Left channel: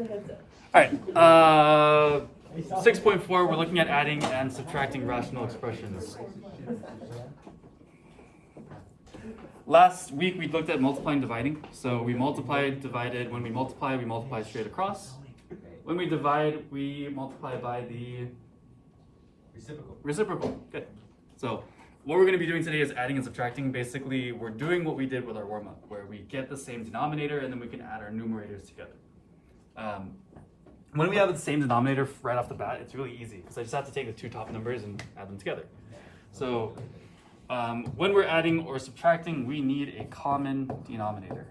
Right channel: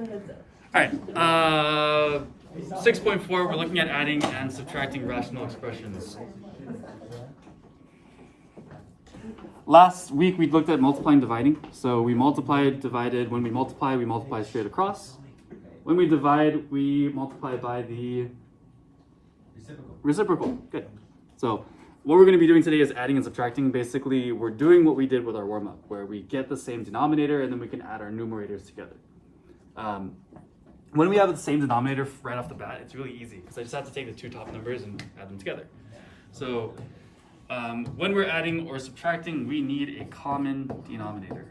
All right. 6.4, we're looking at adding and subtracting rational expressions. Last week we looked at multiplying and dividing. So we multiplied, divided. When we multiply straight across. When we divide, we multiply by the reciprocal. Good. So what we're going to be doing today is adding and subtracting. Basically, we're doing what we did with our warm-up, where we get the same denominator and then we can add our numerators together. When we have the same denominator right off the bat, it's really easy. So I just have to take the two top numbers and add them together. So when we're adding or subtracting, we need a common denominator.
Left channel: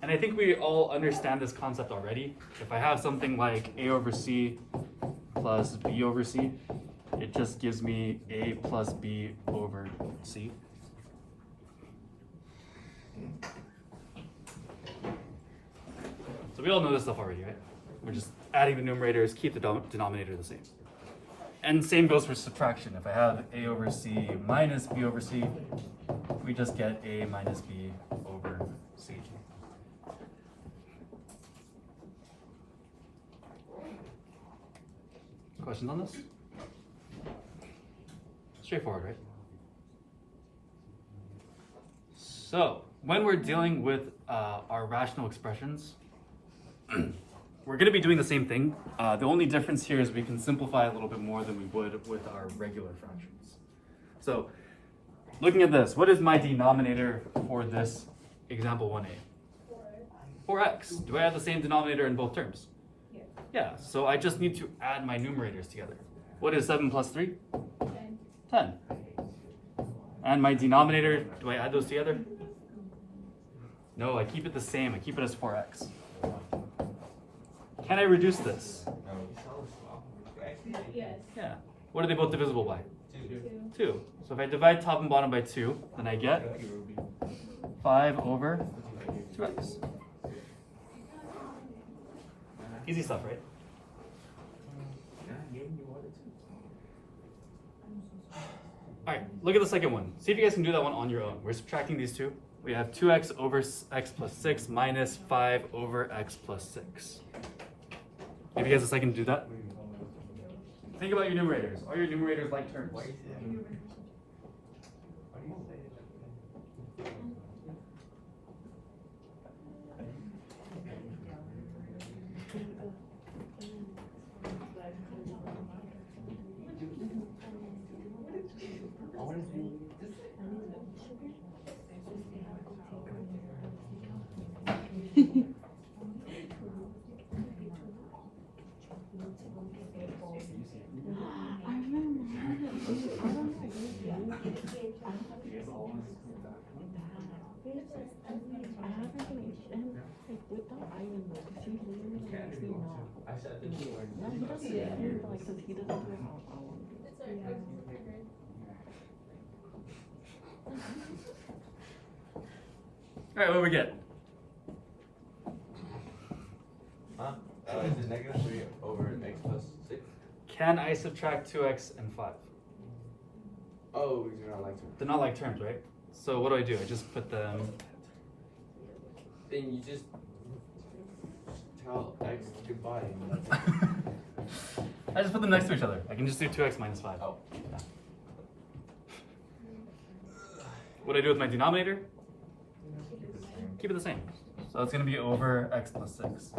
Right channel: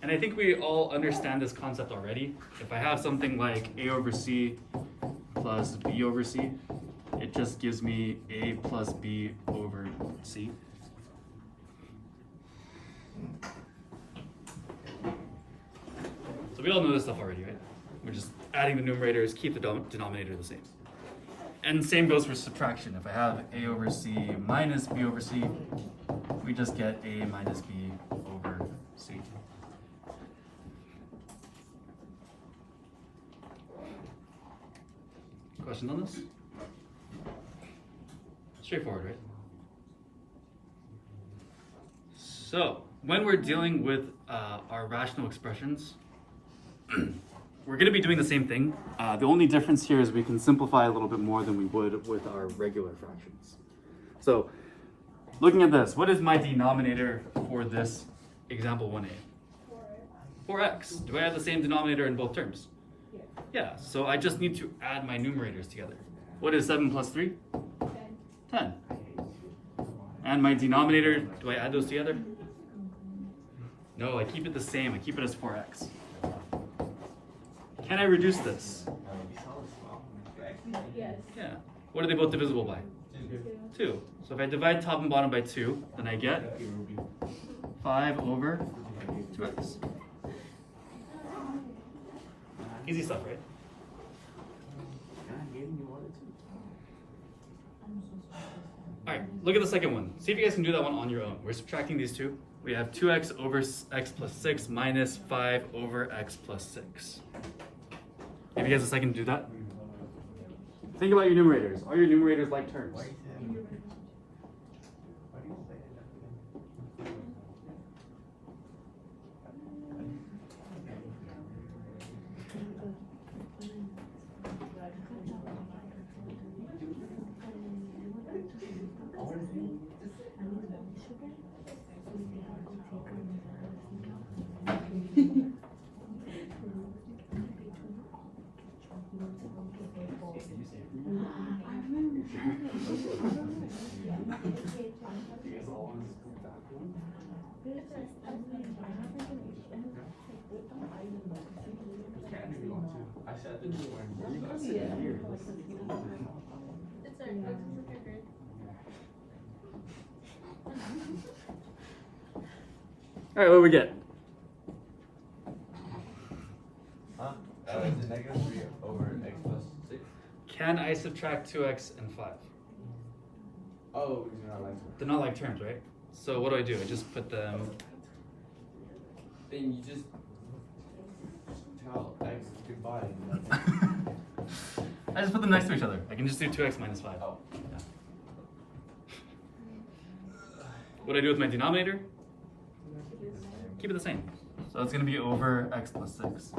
And I think we all understand this concept already. If I have something like a over c plus b over c, it just gives me a plus b over c. So we all know this stuff already, right? We're just adding the numerators, keep the denominator the same. And same goes for subtraction. If I have a over c minus b over c, we just get a minus b over c. Questions on this? Straightforward, right? So, when we're dealing with our rational expressions, we're going to be doing the same thing. The only difference here is we can simplify a little bit more than we would with our regular fractions. So, looking at this, what is my denominator for this example 1a? 4x. Do I have the same denominator in both terms? Yeah, so I just need to add my numerators together. What is 7 plus 3? 10. And my denominator, do I add those together? No, I keep it the same. I keep it as 4x. Can I reduce this? Yes. Yeah. What are they both divisible by? 2. So if I divide top and bottom by 2, then I get 5 over 2x. Easy stuff, right? All right, look at the second one. See if you guys can do that one on your own. We're subtracting these two. We have 2x over x plus 6 minus 5 over x plus 6. Give you guys a second to do that. Think about your numerators. Are your numerators like terms? All right, what do we get? Is it negative 3 over x plus 6? Can I subtract 2x and 5? Oh, because you're not like terms. They're not like terms, right? So what do? I just put them... Then you just tell x goodbye. I just put them next to each other. I can just do 2x minus 5. Oh. Yeah. What do I do with my denominator? Keep it the same. So it's going to be over x plus 6.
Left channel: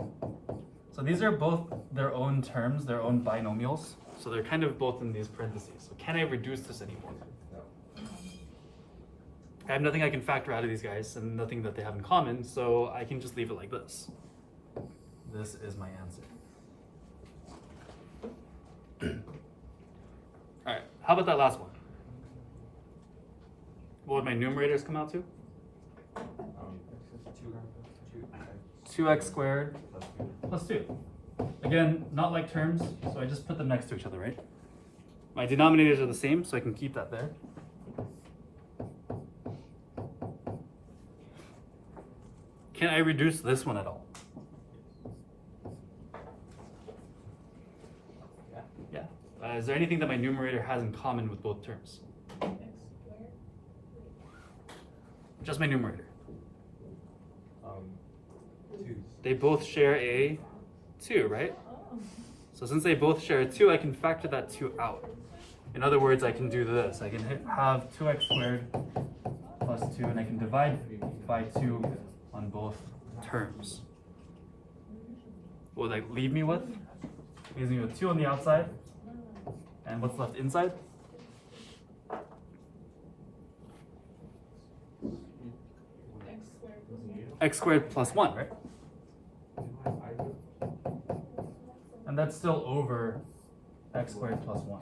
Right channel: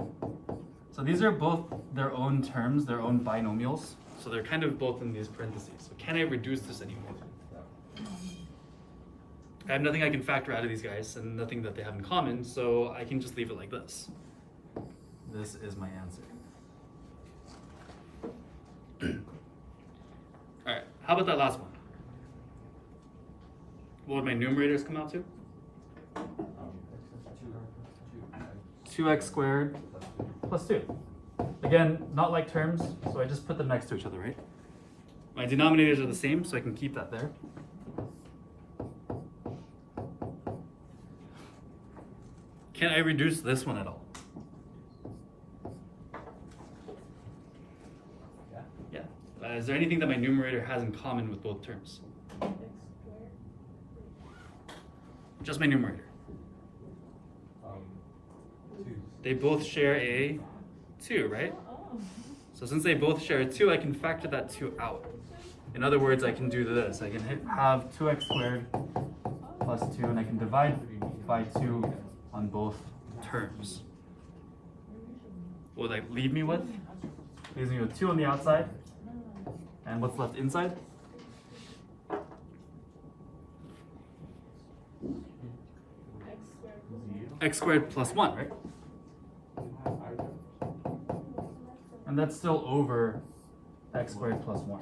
So these are both their own terms, their own binomials. So they're kind of both in these parentheses. So can I reduce this anymore? I have nothing I can factor out of these guys and nothing that they have in common, so I can just leave it like this. This is my answer. All right, how about that last one? What would my numerators come out to? 2x squared plus 2. Again, not like terms, so I just put them next to each other, right? My denominators are the same, so I can keep that there. Can I reduce this one at all? Yeah. Is there anything that my numerator has in common with both terms? Just my numerator. 2. They both share a 2, right? So since they both share a 2, I can factor that 2 out. In other words, I can do this. I can have 2x squared plus 2, and I can divide by 2 on both terms. What would that leave me with? Leaves me with 2 on the outside. And what's left inside? X squared plus 1, right? And that's still over x squared plus 1.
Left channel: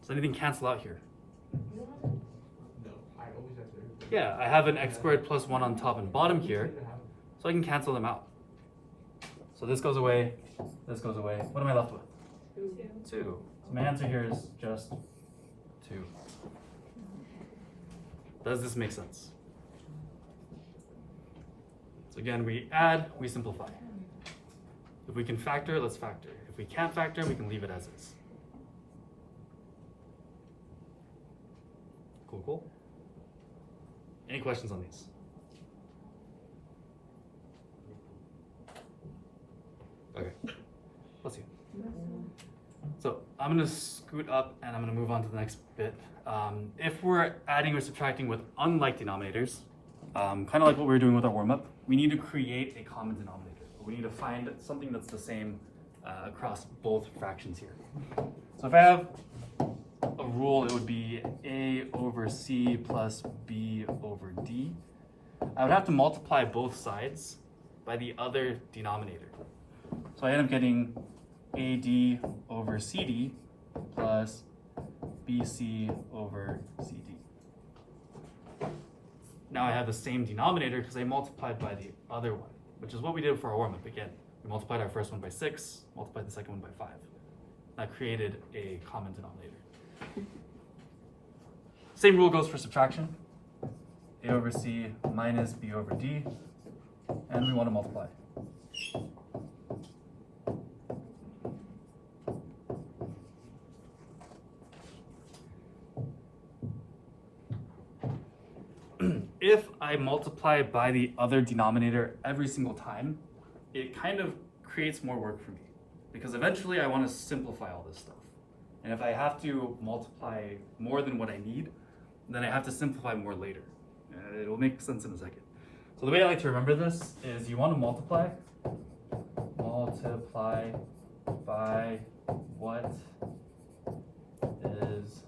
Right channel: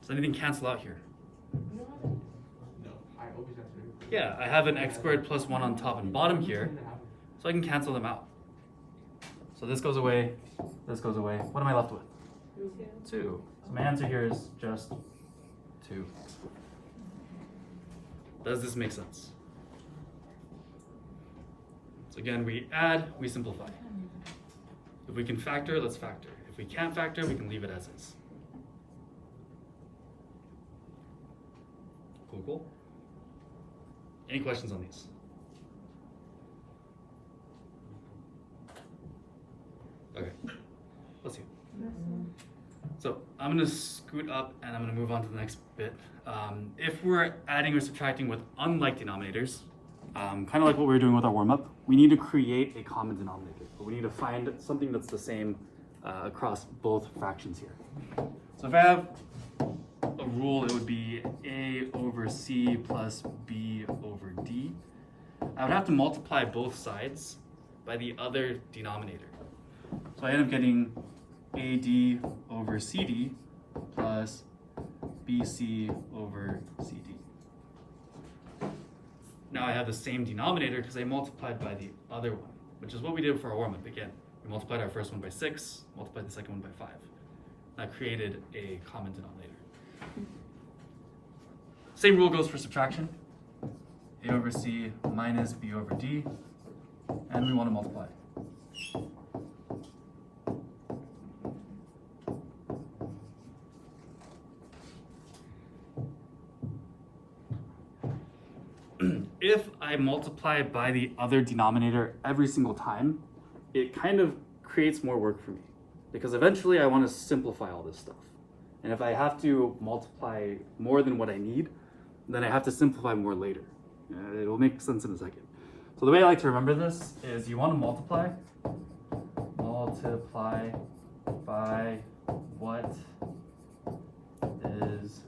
Does anything cancel out here? Yeah, I have an x squared plus 1 on top and bottom here, so I can cancel them out. So this goes away, this goes away. What am I left with? 2. So my answer here is just 2. Does this make sense? So again, we add, we simplify. If we can factor, let's factor. If we can't factor, we can leave it as is. Cool, cool. Any questions on these? Okay, let's see. So I'm gonna scoot up and I'm gonna move on to the next bit. If we're adding or subtracting with unlike denominators, kind of like what we were doing with our warm-up, we need to create a common denominator. We need to find something that's the same across both fractions here. So if I have a rule, it would be a over c plus b over d. I would have to multiply both sides by the other denominator. So I end up getting AD over CD plus BC over CD. Now I have the same denominator because I multiplied by the other one, which is what we did for our warm-up. Again, we multiplied our first one by 6, multiplied the second one by 5. That created a common denominator. Same rule goes for subtraction. A over C minus B over D, and we want to multiply. If I multiply by the other denominator every single time, it kind of creates more work for me because eventually I want to simplify all this stuff. And if I have to multiply more than what I need, then I have to simplify more later. It'll make sense in a second. So the way I like to remember this is you want to multiply by what is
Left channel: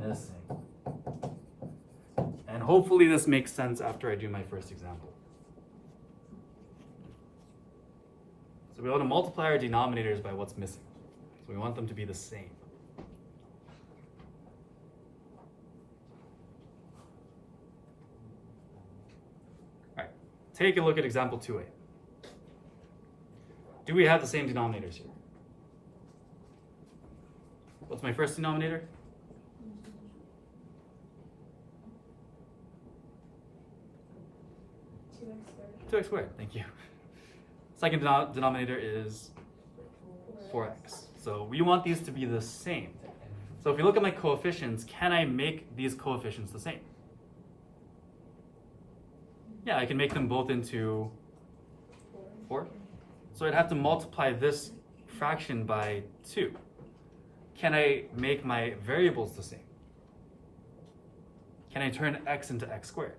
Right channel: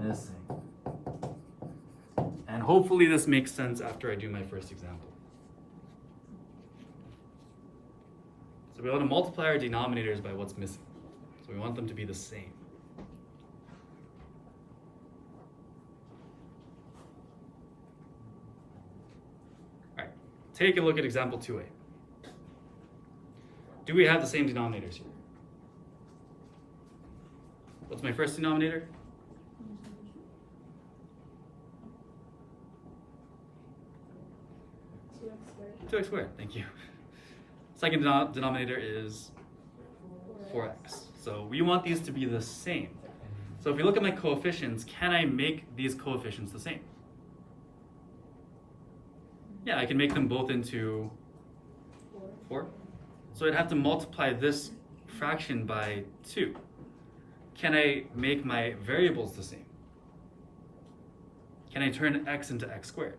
missing. And hopefully this makes sense after I do my first example. So we want to multiply our denominators by what's missing. So we want them to be the same. All right, take a look at example 2a. Do we have the same denominators here? What's my first denominator? 2x squared, thank you. Second denominator is 4x. So we want these to be the same. So if you look at my coefficients, can I make these coefficients the same? Yeah, I can make them both into 4. So I'd have to multiply this fraction by 2. Can I make my variables the same? Can I turn x into x squared?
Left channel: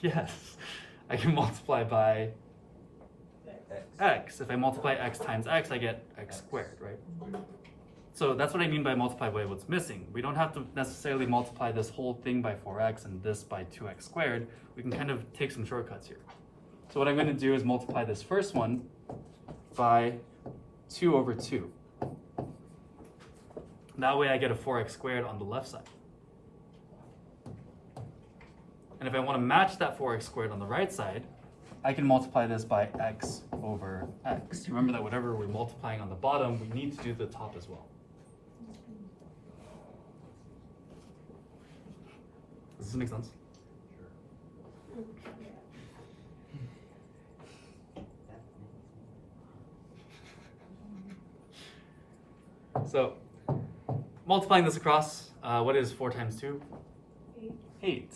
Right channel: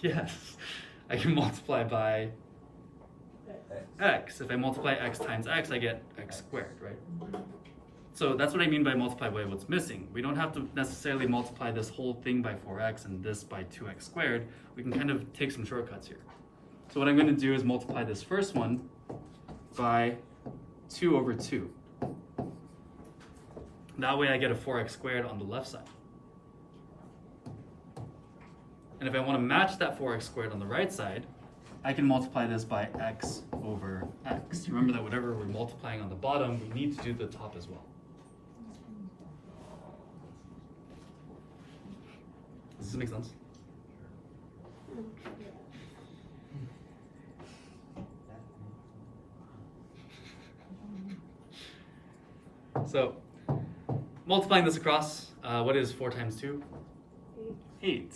Yes, I can multiply by x. If I multiply x times x, I get x squared, right? So that's what I mean by multiply by what's missing. We don't have to necessarily multiply this whole thing by 4x and this by 2x squared. We can kind of take some shortcuts here. So what I'm going to do is multiply this first one by 2 over 2. That way I get a 4x squared on the left side. And if I want to match that 4x squared on the right side, I can multiply this by x over x. Remember that whatever we're multiplying on the bottom, we need to do the top as well. Does this make sense? So, multiplying this across, What is 4 times 2? 8.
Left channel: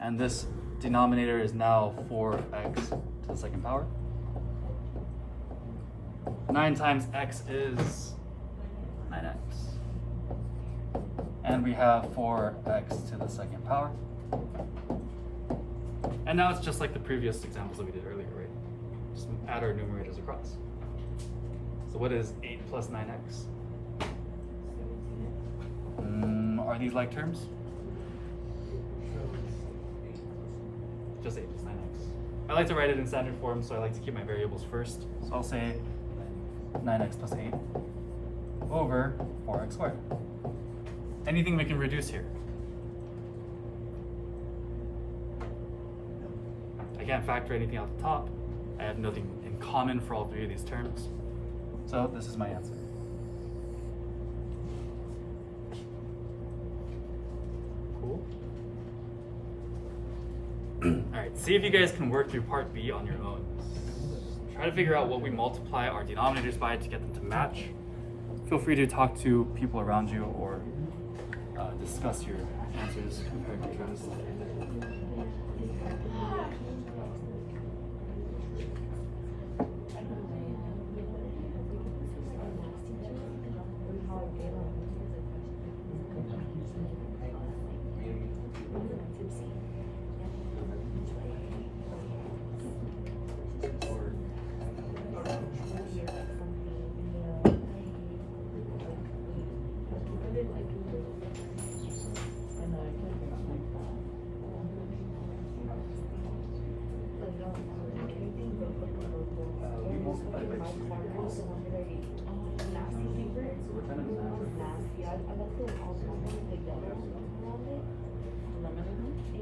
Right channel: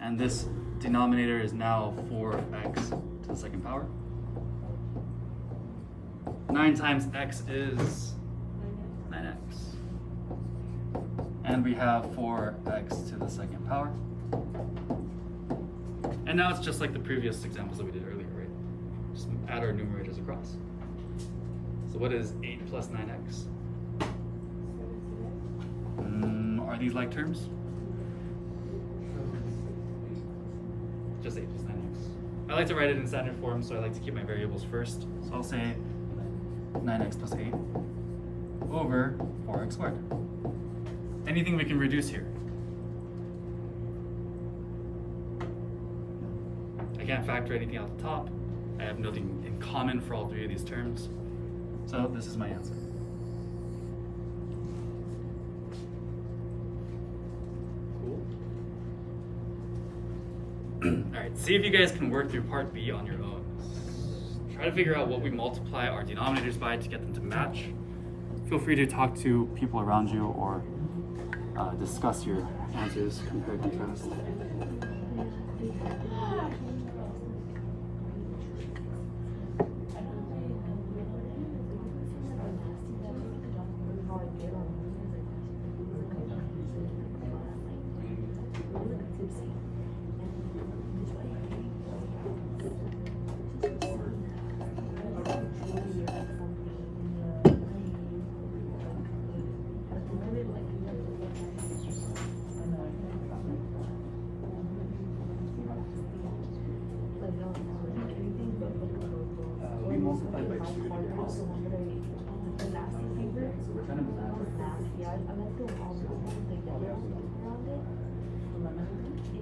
And this denominator is now 4x to the second power. 9 times x is 9x. And we have 4x to the second power. And now it's just like the previous examples that we did earlier, right? Just add our numerators across. So what is 8 plus 9x? Are these like terms? Just 8 plus 9x. I like to write it in standard form, so I like to keep my variables first. So I'll say 9x plus 8 over 4x squared. Anything we can reduce here? I can't factor anything out the top. I have nothing in common for all 3 of these terms. So this is my answer. Cool. Alright, see if you guys can work through part B on your own. Try to figure out what we multiply our denominators by to get them to match. Feel free to talk to people around you or discuss your answers, compare contrast.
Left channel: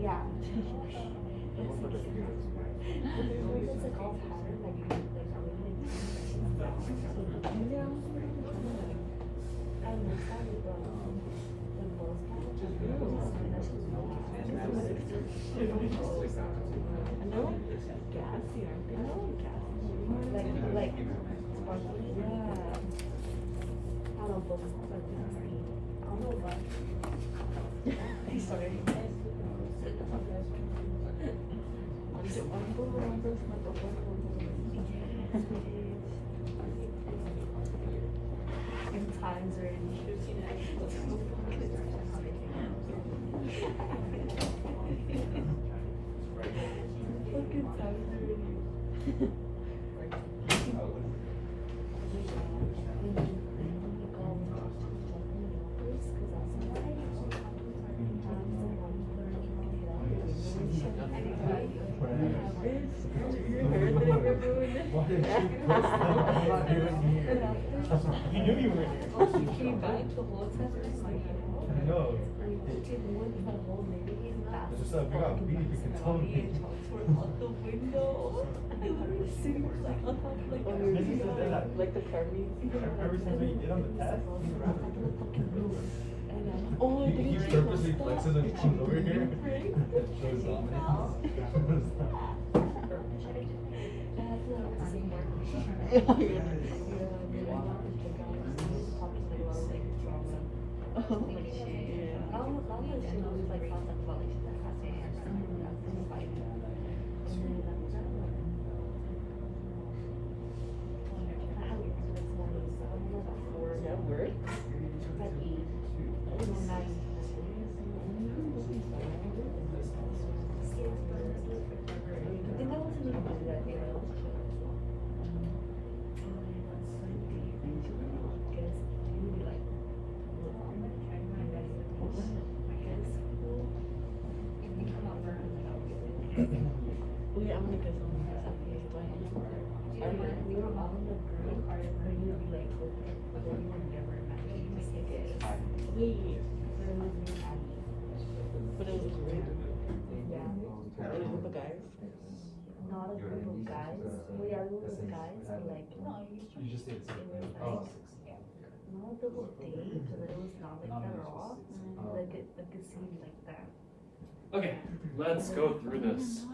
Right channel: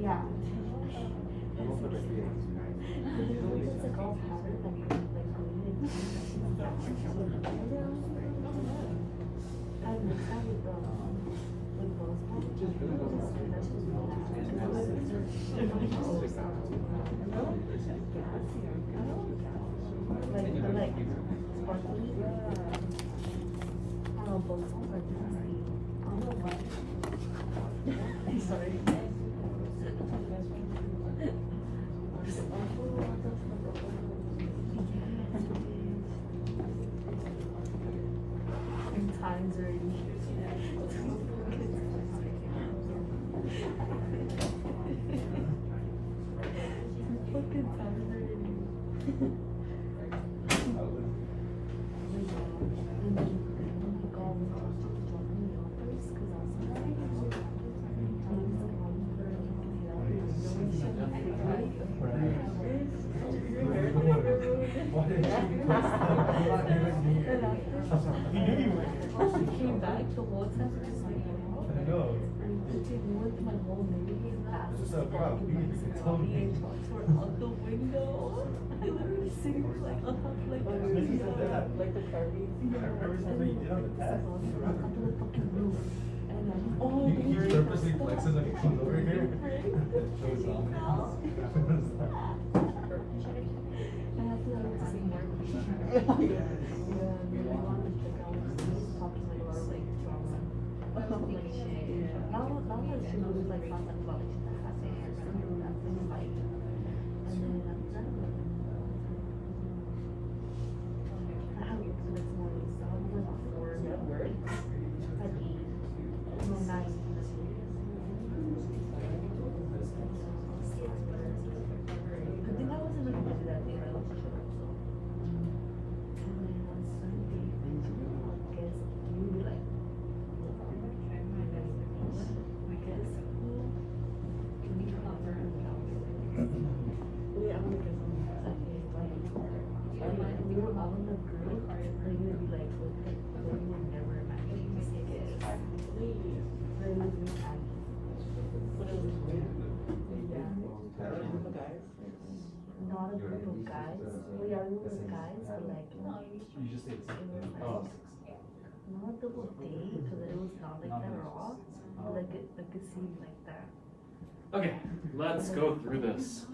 Yeah. Sorry. In times already. Fucking times already. He knew you were here. I know. It's just so big. You can tell me. Like the Kirby. Every single thing you did on the test. Oh, He purposely flexes when he comes over here. Shows dominance. Not a group of guys. We are a group of guys, but like, You just did. Oh. Not the whole day, because it was not like that raw. But like it seemed like that. Okay, let's go through this.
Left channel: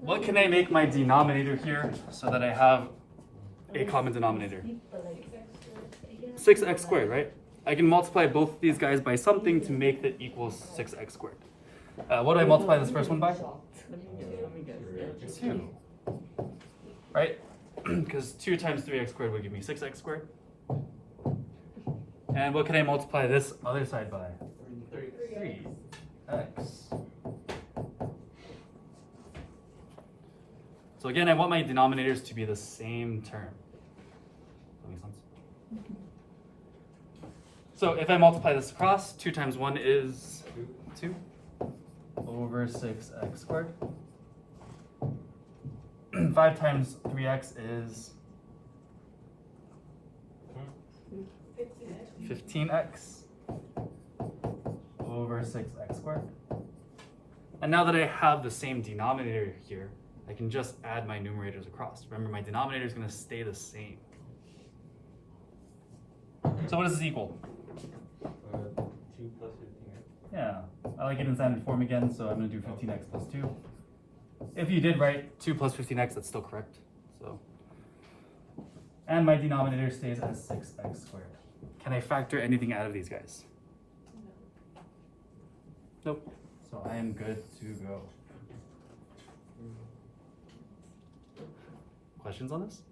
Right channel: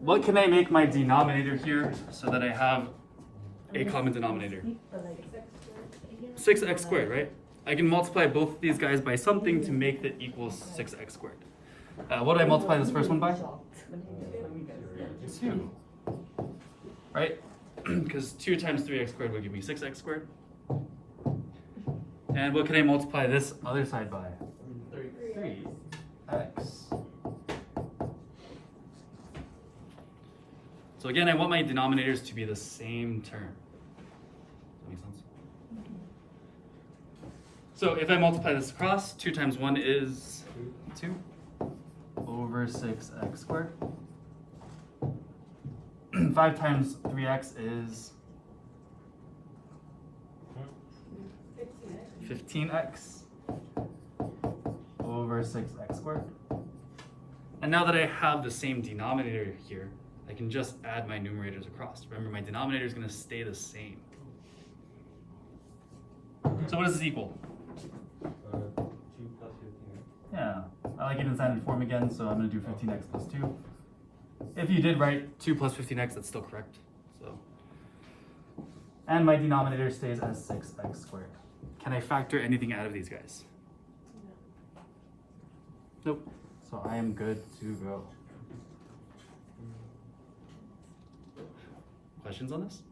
What can I make my denominator here so that I have a common denominator? 6x squared, right? I can multiply both of these guys by something to make that equals 6x squared. What do I multiply this first one by? 2. Right? Because 2 times 3x squared would give me 6x squared. And what can I multiply this other side by? 3x. So again, I want my denominators to be the same term. Does that make sense? So if I multiply this across, 2 times 1 is 2 over 6x squared. 5 times 3x is 15x over 6x squared. And now that I have the same denominator here, I can just add my numerators across. Remember, my denominator is going to stay the same. So what does this equal? 2 plus 15. Yeah, I like it in standard form again, so I'm going to do 15x plus 2. If you did write 2 plus 15x, that's still correct. So, and my denominator stays as 6x squared. Can I factor anything out of these guys? Nope. So I am good to go. Questions on this?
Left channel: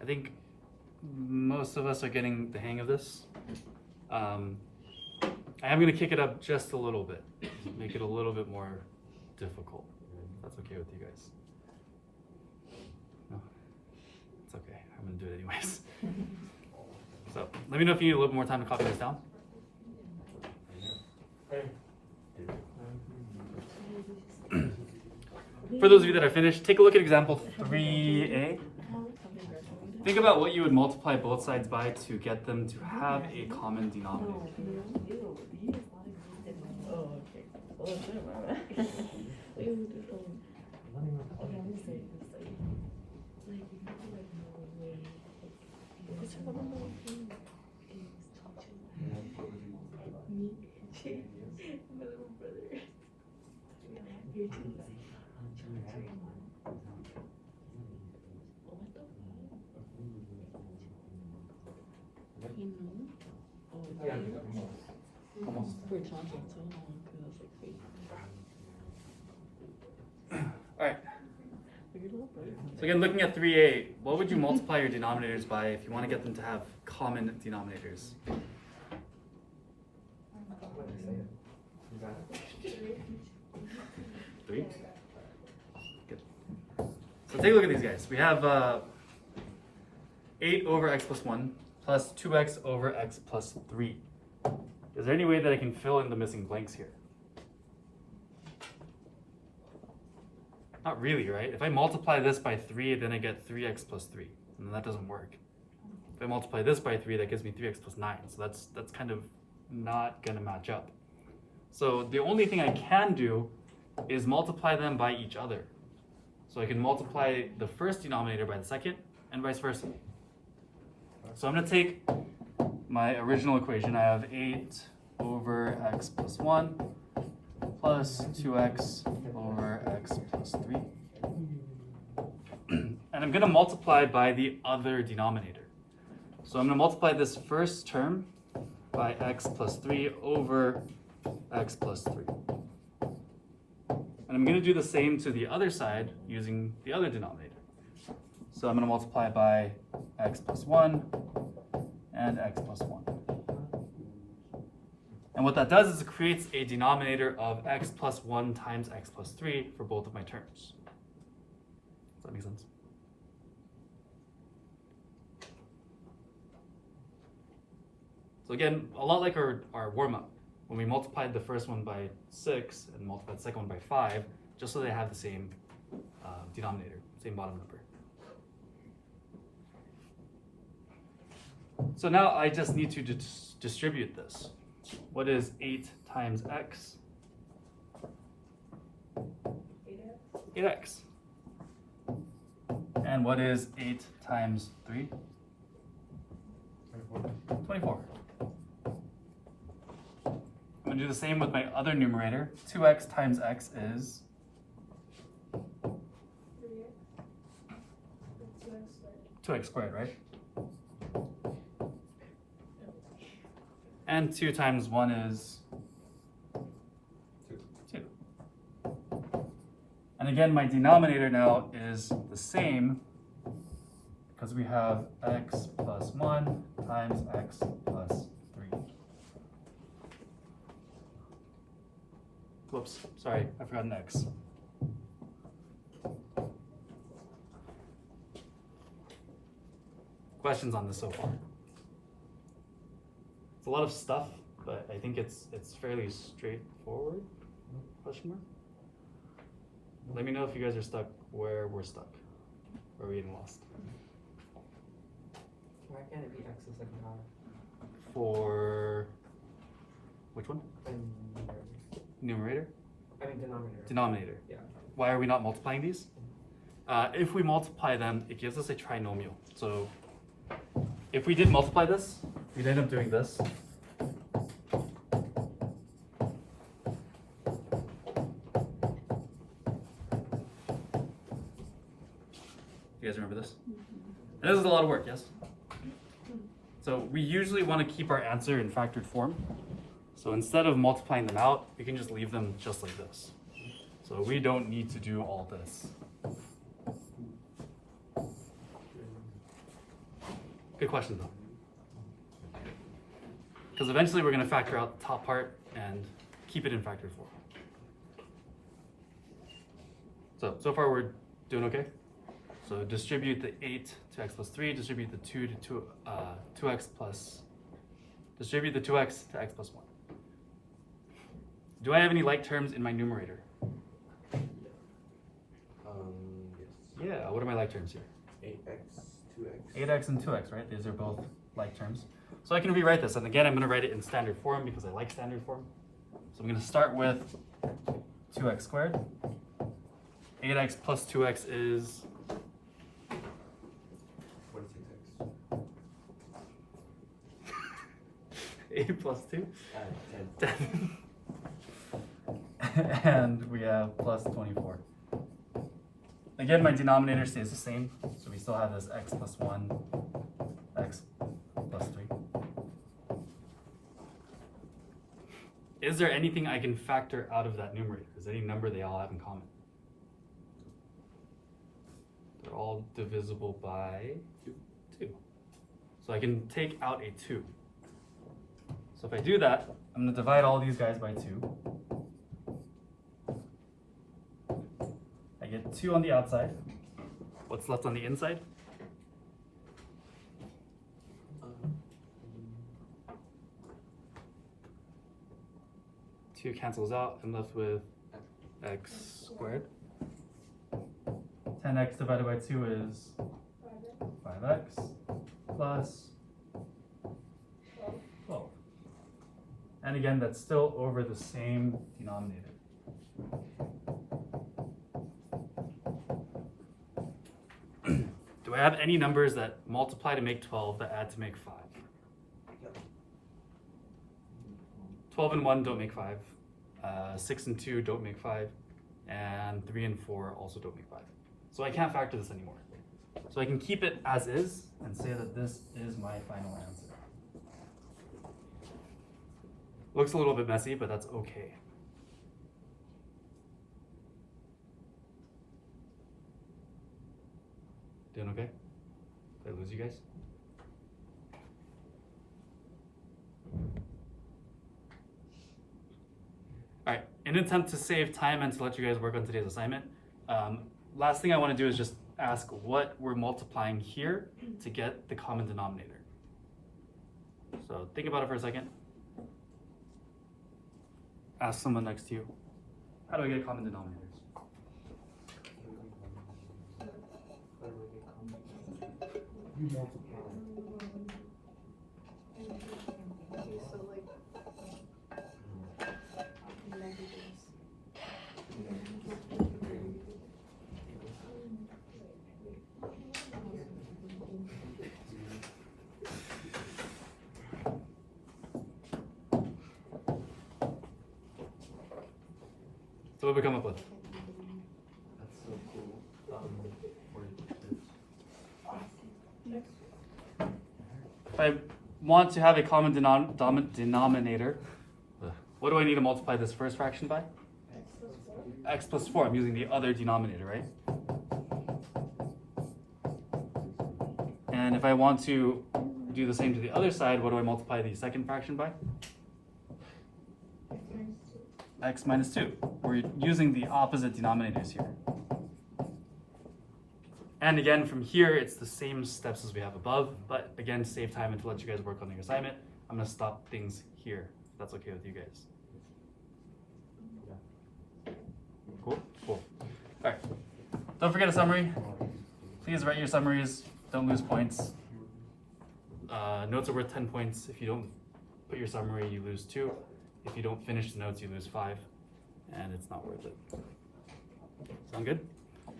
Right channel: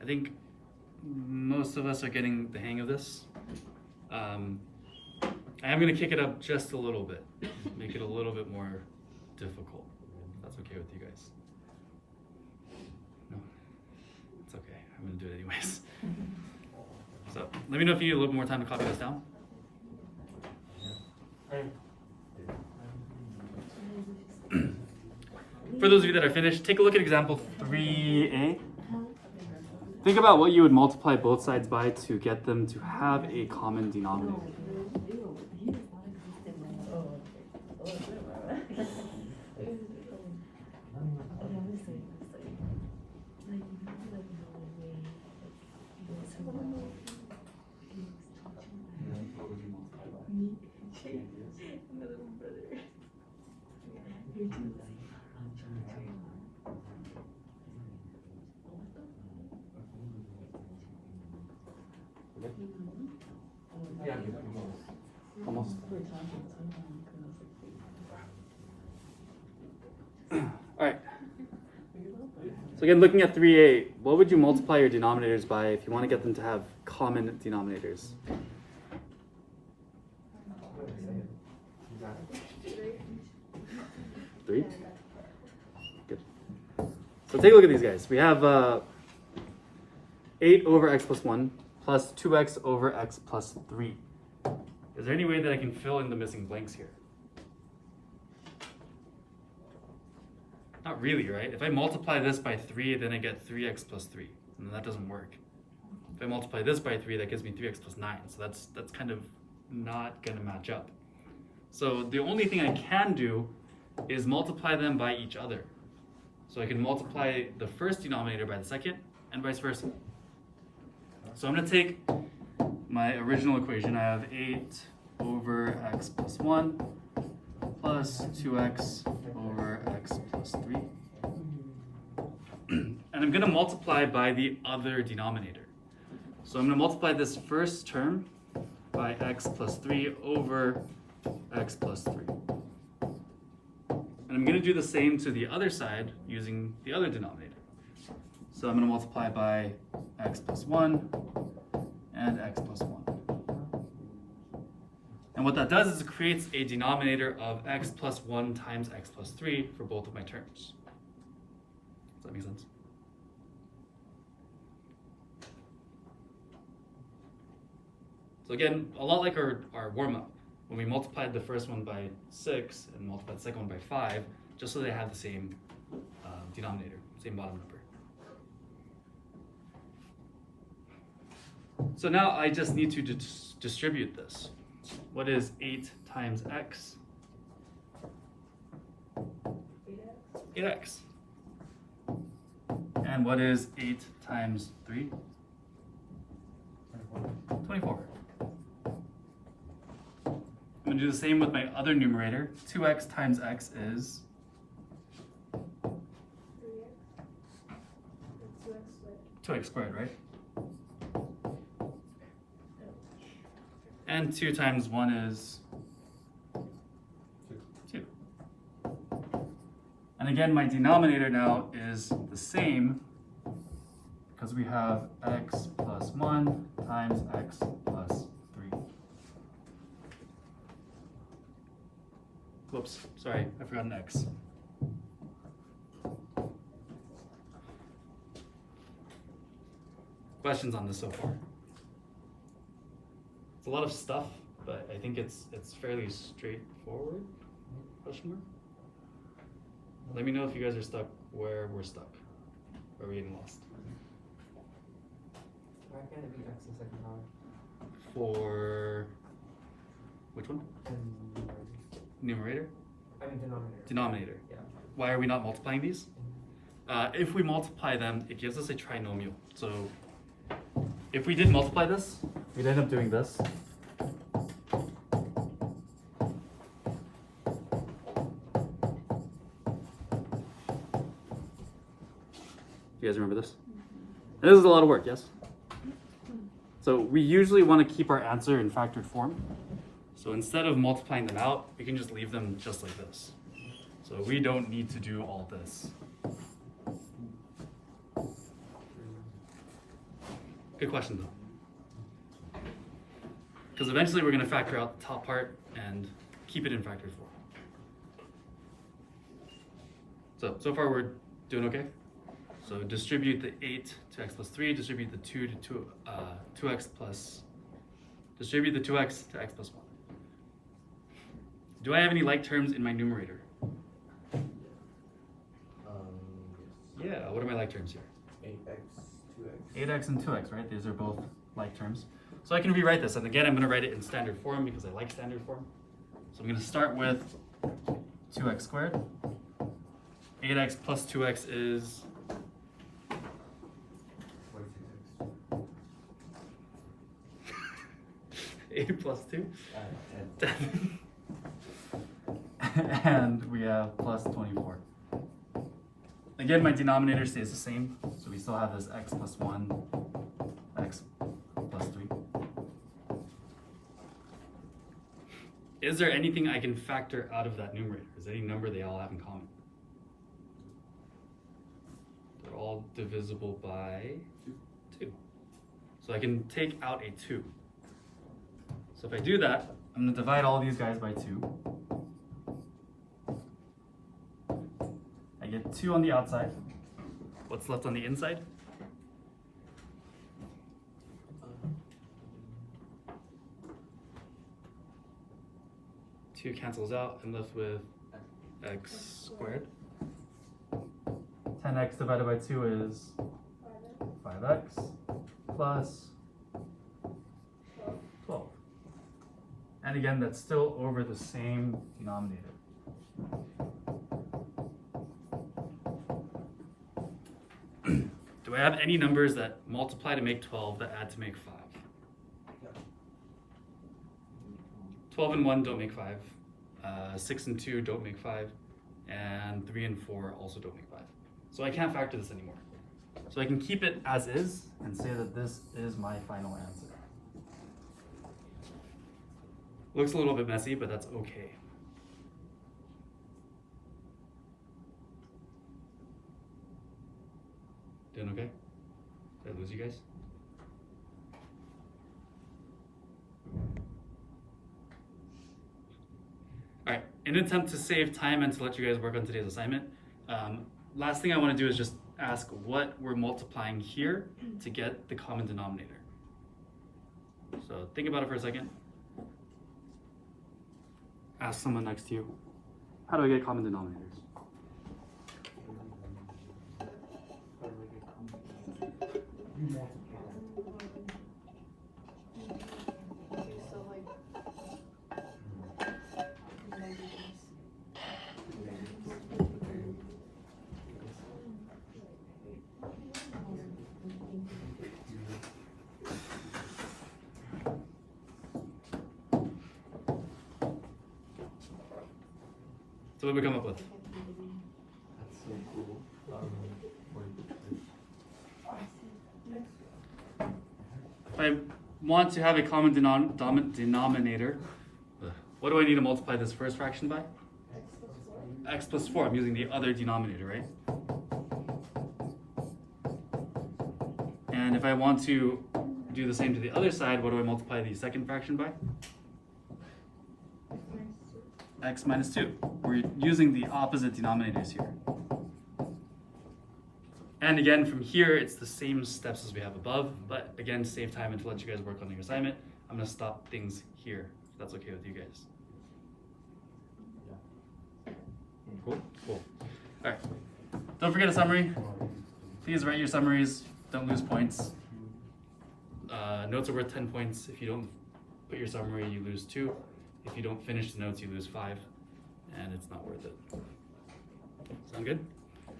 I think most of us are getting the hang of this. I am going to kick it up just a little bit, make it a little bit more difficult. If that's okay with you guys. No, it's okay. I'm going to do it anyways. So let me know if you need a little more time to copy this down. For those of you that are finished, take a look at example 3a. Think about what you would multiply both sides by to get them to have a common denominator. Alright. So again, looking at 3a, what would you multiply your denominators by if you want to get them to have common denominators? 3? Good. So take a look at these guys. We have 8 over x plus 1 plus 2x over x plus 3. Is there any way that I can fill in the missing blanks here? Not really, right? If I multiply this by 3, then I get 3x plus 3, and that doesn't work. If I multiply this by 3, that gives me 3x plus 9, so that's kind of not going to match up. So the only thing I can do is multiply them by each other. So I can multiply the first denominator by the second, and vice versa. So I'm going to take my original equation. I have 8 over x plus 1 plus 2x over x plus 3. And I'm going to multiply by the other denominator. So I'm going to multiply this first term by x plus 3 over x plus 3. And I'm going to do the same to the other side using the other denominator. So I'm going to multiply by x plus 1 and x plus 1. And what that does is it creates a denominator of x plus 1 times x plus 3 for both of my terms. Does that make sense? So again, a lot like our warm-up, when we multiplied the first one by 6 and multiplied the second one by 5, just so they have the same denominator, same bottom number. So now I just need to distribute this. What is 8 times x? 8x. And what is 8 times 3? 24. I'm going to do the same with my other numerator. 2x times x is 2x squared, right? And 2 times 1 is 2. And again, my denominator now is the same because we have x plus 1 times x plus 3. Whoops, sorry, I forgot an x. Questions on this so far? It's a lot of stuff, but I think it's fairly straightforward. Question mark? Let me know if you guys are stuck where we're stuck. Or we're getting lost. Why can't it be x in second power? For which one? And Numerator? I mean denominator. Denominator. Yeah. Why are we not multiplying these? If we multiply them, it gives us a trinomial. So if we did multiply this, we'd end up doing this. You guys remember this? This is a lot of work, yes? So we usually want to keep our answer in factored form. So instead of multiplying them out, we can just leave them just like this. So we don't need to do all this. Good question though. Because eventually we're going to factor out the top part and keep it in factored form. So far we're doing okay? So distribute the 8 to x plus 3, distribute the 2 to 2x plus, distribute the 2x to x plus 1. Do I have any like terms in my numerator? Yes. Yeah, what are my like terms here? 8x, 2x. 8x and 2x, right? These are both like terms. So I can rewrite this, and again, I'm going to write it in standard form because I like standard form. So I'm going to start with 2x squared. 8x plus 2x is 46x. 8 plus 2. 10. And we have plus 24. Again, my denominator stays the same, so we still have this x plus 1, x plus 3. Is there anything I can factor out of that numerator? Is there any number they all have in common? They're all divisible by 2. So I can take out a 2. So if I do that, I'm going to divide all these guys by 2. I get 2 on the outside. What's left on the inside? 2 cancels out. I'm left with x squared. 10x divided by 2 is 5x plus 12. And again, that's still over the same denominator. Do I have any numbers that multiply to make 12 that add to make 5? 12 and 1 don't make 5. 6 and 2 don't make 5. And 3 and 4 also don't make 5. So I can't factor this anymore. So I can keep it as is and say that this is my final answer. Looks a little bit messy, but that's okay. Doing okay? Did I lose you guys? Alright, in an attempt to save time and to let you guys work on today's assignment, last thing I want to do is just ask what we're multiplying here to get the common denominator. So think about it for a second. Ask someone next to you, how do I get common denominators? You multiply. So what did we come up with? That's so cool. if I want to have a common denominator, what do I need to multiply this first fraction by? X plus 4. I'm using the other denominator, right? And if I want to do the same to the other side, what do I multiply the second fraction by? X minus 2. We're using the opposite denominators here. And again, from here, it's the same steps as we have above, but again, to save time and to let you guys work on your assignment, I'm gonna stop things here, if that's okay with you guys. Cool? Cool. All right. Don't forget a summary. Please write your summaries. Don't lose points. Notes are worth 10 points. If you don't put your summary, you lose 2. If you don't finish the notes, you lose 5. And it's not worth it. Sound good? All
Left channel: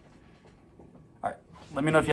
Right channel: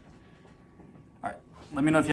right. Let me know if you